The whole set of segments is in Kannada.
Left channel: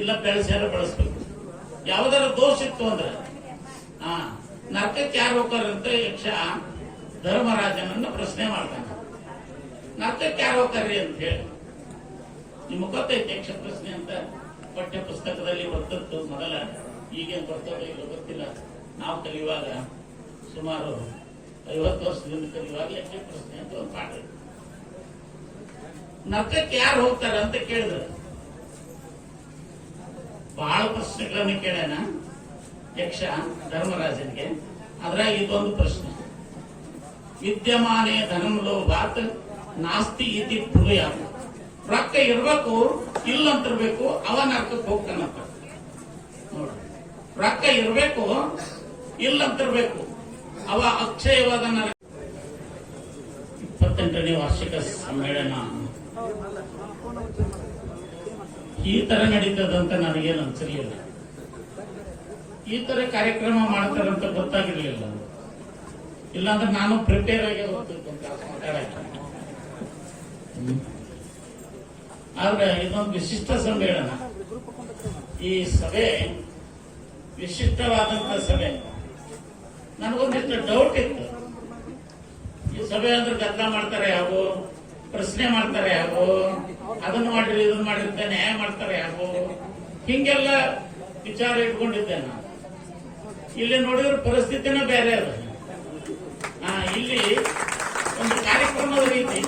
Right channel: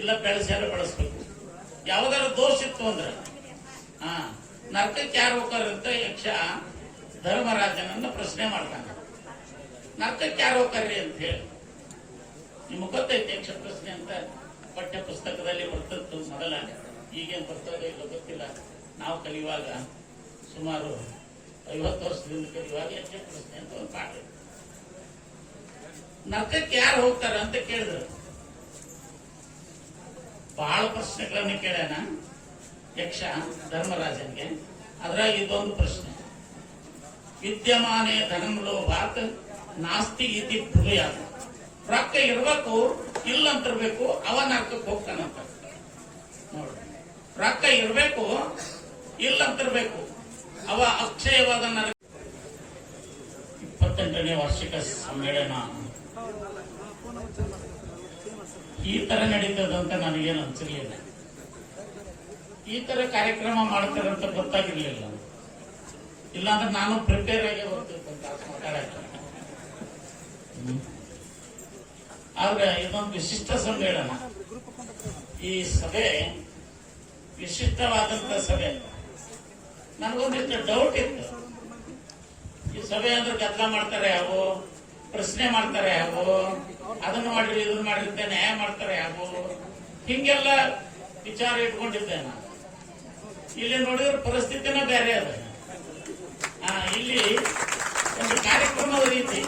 ಇಲ್ಲ ಬೆಳೆಸ್ಯಾರ ಬಳಸ್ಬೇಕು. ಯಾವ್ದಾರ ದೋಷ ಇತ್ತು ಅಂದ್ರೆ ನರಕಕ್ಕೆ ಯಾರು ಹೋಗ್ತಾರೆ ಅಂತ ಯಕ್ಷ ಧರ್ಮರಾಜನನ್ನ ಪ್ರಶ್ನೆ ಮಾಡ್ತಾನೆ. ನರಕಕ್ಕೆ ಯಾರು ಹೋಗ್ತಾರ್ರಿ ಅಂತ ಹೇಳಿ ನಿಮ್ಗೆ ಗೊತ್ತೈತೆ ಯಕ್ಷ ಪ್ರಶ್ನೆ ಅಂತ ಪಠ್ಯ ಪುಸ್ತಕದಲ್ಲಿ ಬರ್ತದ್ದು ಮೊದಲ, ಈಗೇನು ಬರ್ತದೆ ಇಲ್ಲ ಗೊತ್ತಿಲ್ಲ. ನಾವು ಕಲಿಯುವಾಗ ಸುಮಾರು 50 ವರ್ಷದಿಂದ ಕಲಿಯುವಾಗ ಯಕ್ಷ ಪ್ರಶ್ನೆ ಅಂತ ಒಂದು ಪಾಠ ಇತ್ತು. ನರಕಕ್ಕೆ ಯಾರು ಹೋಗ್ತಾರ ಅಂತ ಕೇಳಿದ್ರು. ಬಹಳ ಪ್ರಶ್ನೆಗಳನ್ನು ಕೇಳೋಣ ಯಕ್ಷ ಧರ್ಮರಾಜನಿಗೆ. ಅದ್ರಾಗ ಇದೊಂದು ಪ್ರಶ್ನೆ, ವಿದ್ಯಮಾನೇ ಧನಂ ಲೋಭಾತ್ ನಾಸ್ತಿ ಇತಿ ಬ್ರೂಯಾತ್. ರೊಕ್ಕ ಇರ್ಬೇಕು, ಇಲ್ಲಂತಿರ್ಬೇಕು, ಅವ ನರಕಕ್ಕೆ ಹೋಗ್ತಾನಂತ. ನೋಡಿ, ರೊಕ್ಕ ಇರ್ಬೇಕು, ಇಲ್ಲಂತಿರ್ಬೇಕು, ಅವ ಅಕ್ಷಯವಾದ ನರಕ. 28ನೇ ವಾರ್ಷಿಕ ಸಮ್ಮೇಳನ ಈ ತರ ನಡೀತದಂತ ನನಗೇನು ಅನ್ಸಿರ್ಲಿಲ್ಲ. ಈ ತರ ಕಾರ್ಯಕ್ರಮ ಮಾಡ್ತಾರಂತ ಗೊತ್ತಾಗಿರ್ಲಿಲ್ಲ. ಇಲ್ಲಾಂದ್ರೆ ನಾನು ಪ್ರಿಪೇರ್ ಆಗಿ ಹೋಗ್ತಿದ್ದೆ ಮಾತಾಡಕ್ಕೆ. ಆದ್ರೆ ಇದೊಂದು ವಿಶಿಷ್ಟ ಸಮ್ಮೇಳನ. ಈ ಸಭೆ ವಿಶಿಷ್ಟವಾದಂತ ಸಭೆ. ನನಗೊಂದಿಷ್ಟು ಡೌಟ್ ಇತ್ತು. ಈ ಸಭೆ ಅಂದ್ರೆ ಗದ್ದಲ ಮಾಡ್ತಾರೆ ಯಾವು, ಪ್ರಶ್ನೆ ಮಾಡ್ತಾರೆ ಯಾವು, ಅದನ್ನು ಮಾಡಿರಿ ಇದನ್ನು ಮಾಡಿರಿ ಅಂತ ನ್ಯಾಯ ಮಾಡ್ತಾರೆ ಯಾವು, ಹಿಂಗೆಲ್ಲ ವಿಚಾರ ಇಟ್ಕೊಂಡಿದ್ದೆ ನಾನು. ಇಲ್ಲಿ ನೋಡಿದ್ರೆ ಪರಿಸ್ಥಿತಿನೇ ಬೇರೆ ಅದ. ಇಲ್ಲಿ ಒಂದು ಕಾರ್ಯಕ್ರಮದ ರೀತಿ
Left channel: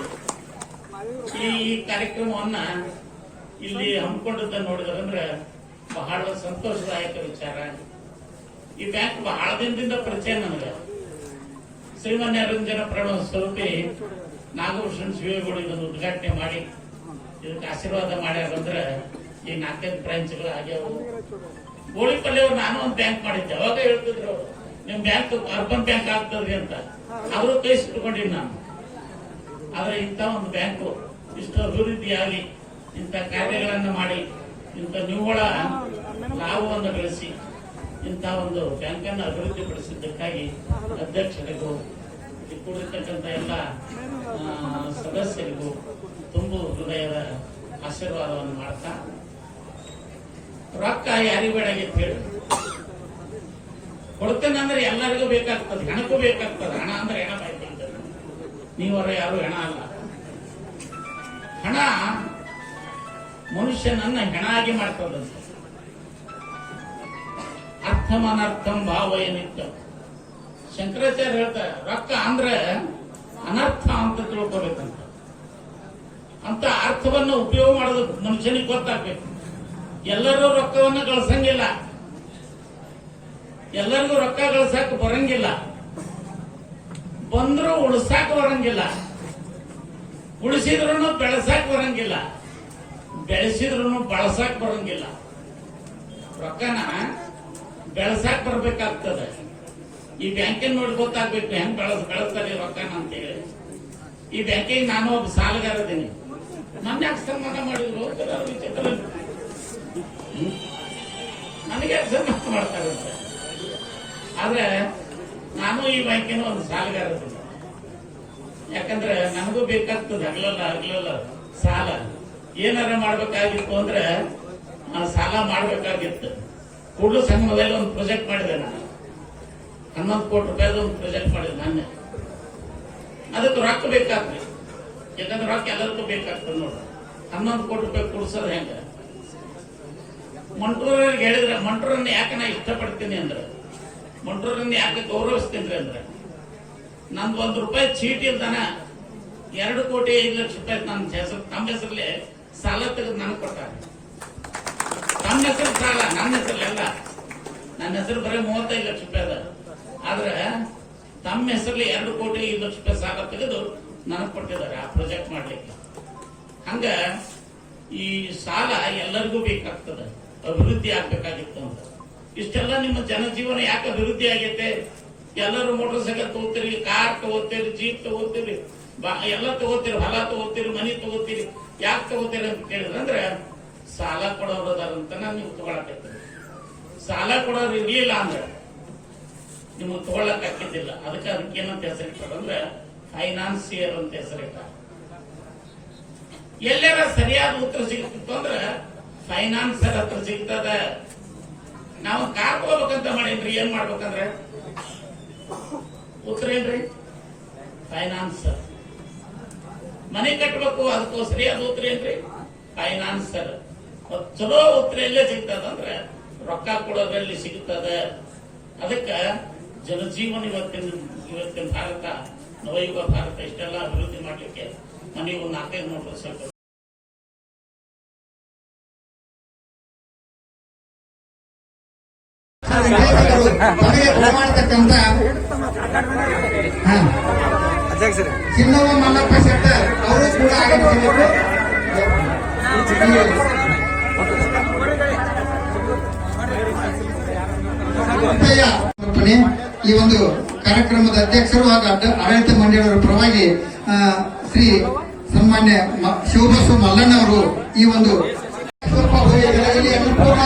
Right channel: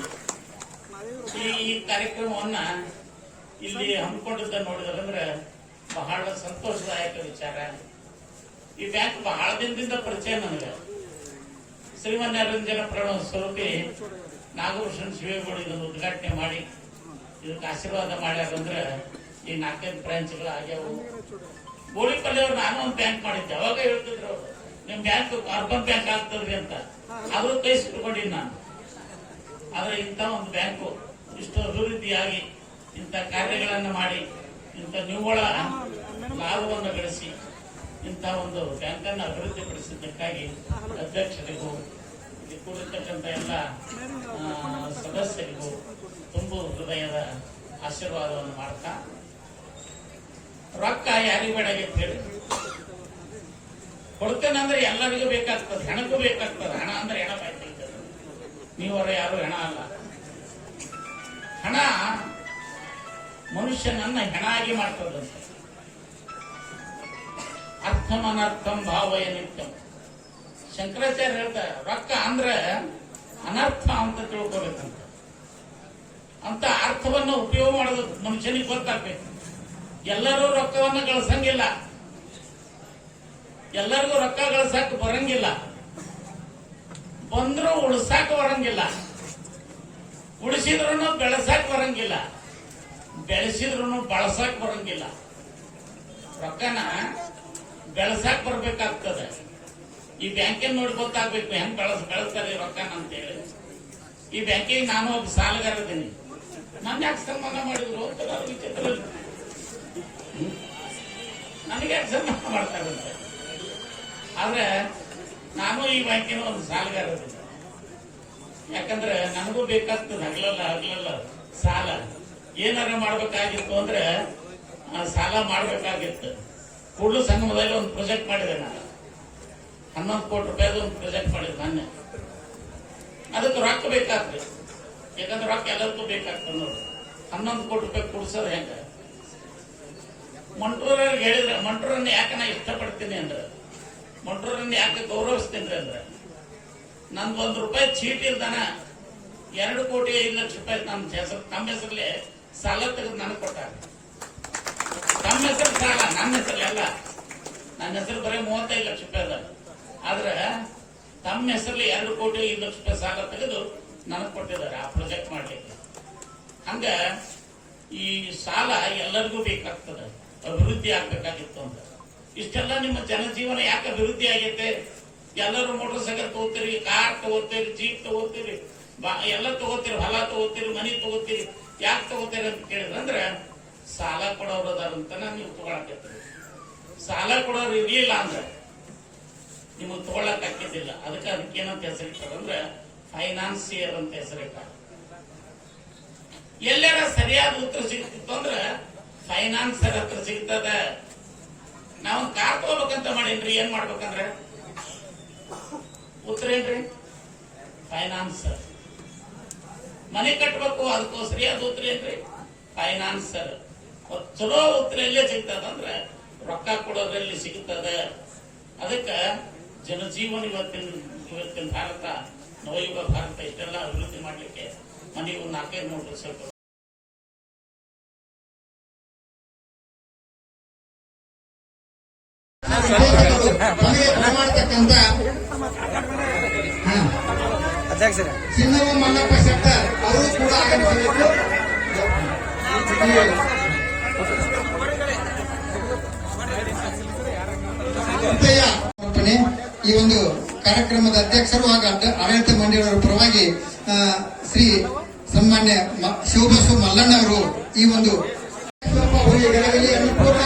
ಈ ಕಾರ್ಯಕ್ರಮವನ್ನ ಇಲ್ಲಿ ಹಮ್ಮಿಕೊಂಡಿದ್ದ ನೋಡಿದ್ರಂದ್ರೆ ಬಹಳ ಸಂತೋಷದಾಯಕ ವಿಚಾರ. ಈ ಬ್ಯಾಂಕ್ ಬಹಳ ದಿನದಿಂದ ಪರಿಚಯ ನನಗೆ. ಶ್ರೀಮನ್ಯರಂಜನ ಪ್ರಣವ ಸ್ವರೂಪಿ ನಾಗಭೂಷಣ್ ಶಿವೇಗೌಡ ಇದನ್ನು ಉದ್ಘಾಟನೆ ಮಾಡಿ ಇದಕ್ಕೆ ಆಶೀರ್ವಾದ ಮಾಡ್ಯಾರಂದ್ರೆ ಈ 4-5 ಬ್ರಾಂಚ್ಗಳು ಆಗ್ಯಾವು. ಗೋಳಿಪಲ್ಲಿಯವ್ರು ನಾನು ಒಂದು ಬ್ಯಾಂಕ್ ಮಾಡಿದ್ದೆ. ಅವಾಗ ಹೇಳ್ತಿದ್ರು ಅವರು, ನಿಮ್ ಬ್ಯಾಂಕ್ ಅರ್ಬನ್ ಬ್ಯಾಂಕ್ ಆಗ್ತದ್ರಿ ಅಂತ. ಅವರು ಕೈ ಸುಟ್ಕೊಂಡಿನಿ ನಾನು. ಆದ್ರೆ ಇಂಥ ಒಂದು ಬ್ಯಾಂಕು ಇಷ್ಟು ಅಭಿವೃದ್ಧಿಯಾಗಿ ಇಂಥ ಕಾರ್ಯಗಳನ್ನು ಮಾಡಿ ಇಂಥ ನಿವ್ವಳ ಲಾಭವನ್ನು ಗಳಿಸಿ ಇಂಥ ಒಂದು ಬ್ಯಾಂಕನ್ನು ಅಭಿವೃದ್ಧಿಪಡಿಸಿದ್ದಕ್ಕಾಗಿ ಅಧ್ಯಕ್ಷರಿಗೂ ಇಲ್ಲಿ ಕೂಡಿರ್ತಕ್ಕಂಥ ಎಲ್ಲ ಸದಸ್ಯರಿಗೂ ತುಂಬು ಹೃದಯದ ಆಶೀರ್ವಾದವನ್ನು ಮಾಡ್ತಾ, ರೊಕ್ಕ ಯಾರಿಗೂ ಬೇಡಾಗಿತ್ತು ಹೇಳಿ ಕೊಡ್ತೇನೆ ಅಂದ್ರೆ ಎಲ್ಲರಿಗೂ ಬೇಕಾಗ್ತದೆ, ಹೆಣಕ್ಕೂ ಬೇಕಾಗ್ತದೆ. ಹಣ ಅಂದ್ರೆ ಹೆಣ ಬಾಯ್ತಿದ್ದ, ನೀವರ ಯಾರು ಹೆಣ ಅಲ್ಲ. ಹಣ ಮನುಷ್ಯನನ್ನ ಹೆಣ ಆಗಿ ಮಾಡ್ತದಂತೆ. ಅರ್ಥಂ ಅನರ್ಥಂ ಭಾವಯ ನಿತ್ಯಂ. ಶಂಕರಾಚಾರ್ಯ ಹೇಳ್ತಾರೆ, ರೊಕ್ಕ ಅಂದ್ರೆ ಅನರ್ಥ ಅಂತ ತಿಳ್ಕೋಬೇಕಂತ. ಅಂತ ಅರ್ಥವನ್ನು ಉಪಯೋಗ ಮಾಡೋದು ಮನುಷ್ಯನಿಗೆ ಗೊತ್ತಾಗ್ಬೇಕು. ಎಲ್ಲರೂ ರೊಕ್ಕವನ್ನು ಗಳಿಸಂಗಿಲ್ಲ, ಎಲ್ಲರಿಗೂ ರೊಕ್ಕ ಗಳಿಸಾಕ ಬರಂಗಿಲ್ಲ, ಬಂದ್ರೂ ಉಳಿಸಾಕ ಬರಂಗಿಲ್ಲ, ಉಳಿಸಿದ್ರು ಬೆಳೆಸಾಕ ಬರಂಗಿಲ್ಲ, ಬೆಳೆಸಿದ್ರು ಬಳಸಾಕ ಬರಂಗಿಲ್ಲ. ರೊಕ್ಕನ ಬೆಳೆಸಾಕ ಬರ್ಬೇಕಾಗ್ತದೆ. ಈ ಬ್ಯಾಂಕಿನ ನೋಡಿ ಗೊತ್ತಾಗ್ಬೇಕು ಹೆಂಗ್ ಬೆಳೆಸ್ತಾರೆ ರೊಕ್ಕನ ಅಂತೇಳಿ. ಈ ಬ್ಯಾಂಕಿಗೆ ನಾನು ಒಬ್ಬ ಸಾಲಗಾರ ಇದ್ದೀನಿ. ನನ್ನ ಯಾಕೆ ಸನ್ಮಾನ ಮಾಡಿದ್ರು ವಿಚಿತ್ರ, ನನಗೆ ಯಾಕೆ ಸನ್ಮಾನ ಮಾಡ್ತಾರಂತೆ. ಆದ್ರೆ ನಾನು ಈ ಬ್ಯಾಂಕಿನ ಒಂದು ಸಾಲಗಾರ ಇದ್ದೀನಿ. ಯಾಕಂದ್ರೆ ನನಗೂ ಬೇಕಾಗ್ತದೆ ಹಗಲಲ್ಲ ಸಾಲ. ಏನಾರ ಮಾಡ್ಬೇಕಾಗಿತ್ತು ಅಂದ್ರೆ ಸಾಲ ಮಾಡ್ಬೇಕಾಗಿತ್ತು. ಕೂಡಲು ಸಂಗಮದಲ್ಲಿ ಒಂದು ಪ್ರಾಜೆಕ್ಟ್ ಮಾಡಿದೆ ನಾನು. 11 ಕೋಟಿ ರೂಪಾಯಿದು ಒಂದು ಪ್ರಾಜೆಕ್ಟ್ ಮಾಡಿದೆ ನಾನೇ. ಅದಕ್ಕೆ ರೊಕ್ಕ ಬೇಕಾಗ್ತದೆ, ಯಾಕಂದ್ರೆ ರೊಕ್ಕ ಎಲ್ಲರಿಗೂ ಬೇಕಾಗ್ತದೆ ನೋಡ್ರಿ. 11 ಕೋಟಿ ರೂಪಾಯಿ ಕೊಡ್ಸೋದು ಹೆಂಗ? ಮಂಟ್ರೂರಿಗೆ ಹೇಳಿದ್ರೆ, ಮಂಟ್ರೂರನ್ನ ಯಾಕೆ ನಾ ಇಷ್ಟಪಡ್ತೀನಿ ಅಂದ್ರೆ, ಮಂಟ್ರೂರನ್ನ ಯಾಕೆ ಗೌರವಿಸ್ತೀನಿ ಅಂದ್ರೆ, ನಂದು ₹1 ಚೀಟಿ ಇಲ್ದಾನ 2 ಕೋಟಿ 5 ಲಕ್ಷ ರೂಪಾಯಿ ನನ್ನ ಹೆಸರು, ತಮ್ಮ ಹೆಸರಲ್ಲಿ ಸಾಲ ತೆಗೆದು ನನಗೆ ಕೊಟ್ಟಾರೆ. ತಮ್ಮ ಹೆಸರು ಸಾಲ, ನನ್ನ ಹೆಸರಲ್ಲ. ನನ್ನ ಹೆಸರು ಬರೀ 35 ಲಕ್ಷ ರೂಪಾಯಿ ಅದ. ಆದ್ರೆ ತಮ್ಮ ಹೆಸರಲ್ಲಿ 2 ಕೋಟಿ 5 ಲಕ್ಷ ರೂಪಾಯಿ ಸಾಲ ತೆಗೆದು ನನಗೆ ಕೊಟ್ಟಿದ್ದಾರೆ ಆ ಪ್ರಾಜೆಕ್ಟ್ ಮಾಡ್ಲಿಕ್ಕೆ. ಹಂಗ ಈ ಸಾಲ ಎಲ್ಲರಿಗೂ ಬೇಕಾಗ್ತದೆ, ಅಭಿವೃದ್ಧಿ ಆಗ್ಬೇಕಾಗಿತ್ತು ಅಂತ. ಇಷ್ಟೆಲ್ಲ ನಿಮ್ಮ ಜನಜೀವನ ಯಾಕೆ ಅಭಿವೃದ್ಧಿ ಆಗೈತೆ? ಎಲ್ಲರೂ ಮೋಟರ್ ಸೈಕಲ್ ತಗೋತೀರಿ, ಕಾರ್ ತಗೋತೀರಿ, ಜೀಪ್ ತಗೋತೀರಿ, ಎಲ್ಲ ತಗೋತೀರಿ, ಹೊಲ ತಗೋತೀರಿ, ಮನಿ ತಗೋತೀರಿ. ಯಾಕೆ ತಗೋತೀರಿ ಅಂತ ಕೇಳಿದ್ರಂದ್ರೆ ಸಾಲ ಕೊಡೋರು ಅದಾರಂತ ನೀವು ತಗೊಳಕತ್ತೀರಿ. ಸಾಲ ಕೊಡೋರು ಇರ್ಲಿಲ್ಲ ಅಂದ್ರೆ ನಿಮಗೆ ತಗೊಳಕ್ ಹಾಕಿದ್ದಿಲ್ಲ. ಅದಕ್ಕೇನಂತ ಹೆಸರಿಟ್ಟಾರಂದ್ರೆ ಫೈನಾನ್ಸಿಯರ್ ಅಂತ ಹೆಸರಿಟ್ಟ. ಎಲ್ಲರ ಸರಿಯಾದ ಉತ್ತರ ಸಿಗ್ತಿತ್ತು ಅಂದ್ರೆ ಫೈನಾನ್ಸರ್ ಹತ್ರ ಸಿಗ್ತದ. ನಾವು ಕಾರ್ ತಗೋಬೇಕಂತ ಮಾಡೇನ್ರಿ, ಏನ್ ಮಾಡ್ಬೇಕಂದ್ರೆ ಉತ್ತರ ಏನ್ರಿ? ಫೈನಾನ್ಸರ್. ಮನೆ ಕಟ್ಟಬೇಕು, ಅದಕ್ಕೋಸ್ಕರ ಅದು ಉತ್ತರ ಏನ್ರಿ? ಫೈನಾನ್ಸರ್. ಚಲೋ ಉತ್ತರ ಎಲ್ಲೇ ಸಿಗ್ತದಂದ್ರೆ ರೊಕ್ಕ ಕೊಡೋದ್ರಲ್ಲಿ ಸಿಗುತ್ತದೆ. ಅದಕ್ಕೆ ಜನಜೀವನ ಇವತ್ತಿನ ಭಾರತ, ನವಯುಗ ಭಾರತ ಇಷ್ಟೆಲ್ಲ ಅಭಿವೃದ್ಧಿ ಮಾಡ್ಲಿಕ್ಕೆ ಮನೆಗೆ ಒಂದು 4-5 ಮೋಟರ್ ಸೈಕಲ್ ಮಾಡತಕ್ಕಂತ ಚಿನ್ನವ ಮಲ್ಲಪ್ಪ ಶೆಟ್ಟರ್ ಅವರು ಕೂಡ ಈ ಒಂದು ಕಾರ್ಯಕ್ರಮದ ಅಧ್ಯಕ್ಷರು ಹಾಗೂ ಆಡಳಿತ ಮಂಡಳಿಯವರ ಪರವಾಗಿ ಶ್ರೀ ಸನ್ಮಾನ್ಯ ಶಿವಬಸವ ಮಲ್ಲಣ್ಣ ಅವರು ಈ ಒಂದು ಅನ್ನಪೂರ್ಣ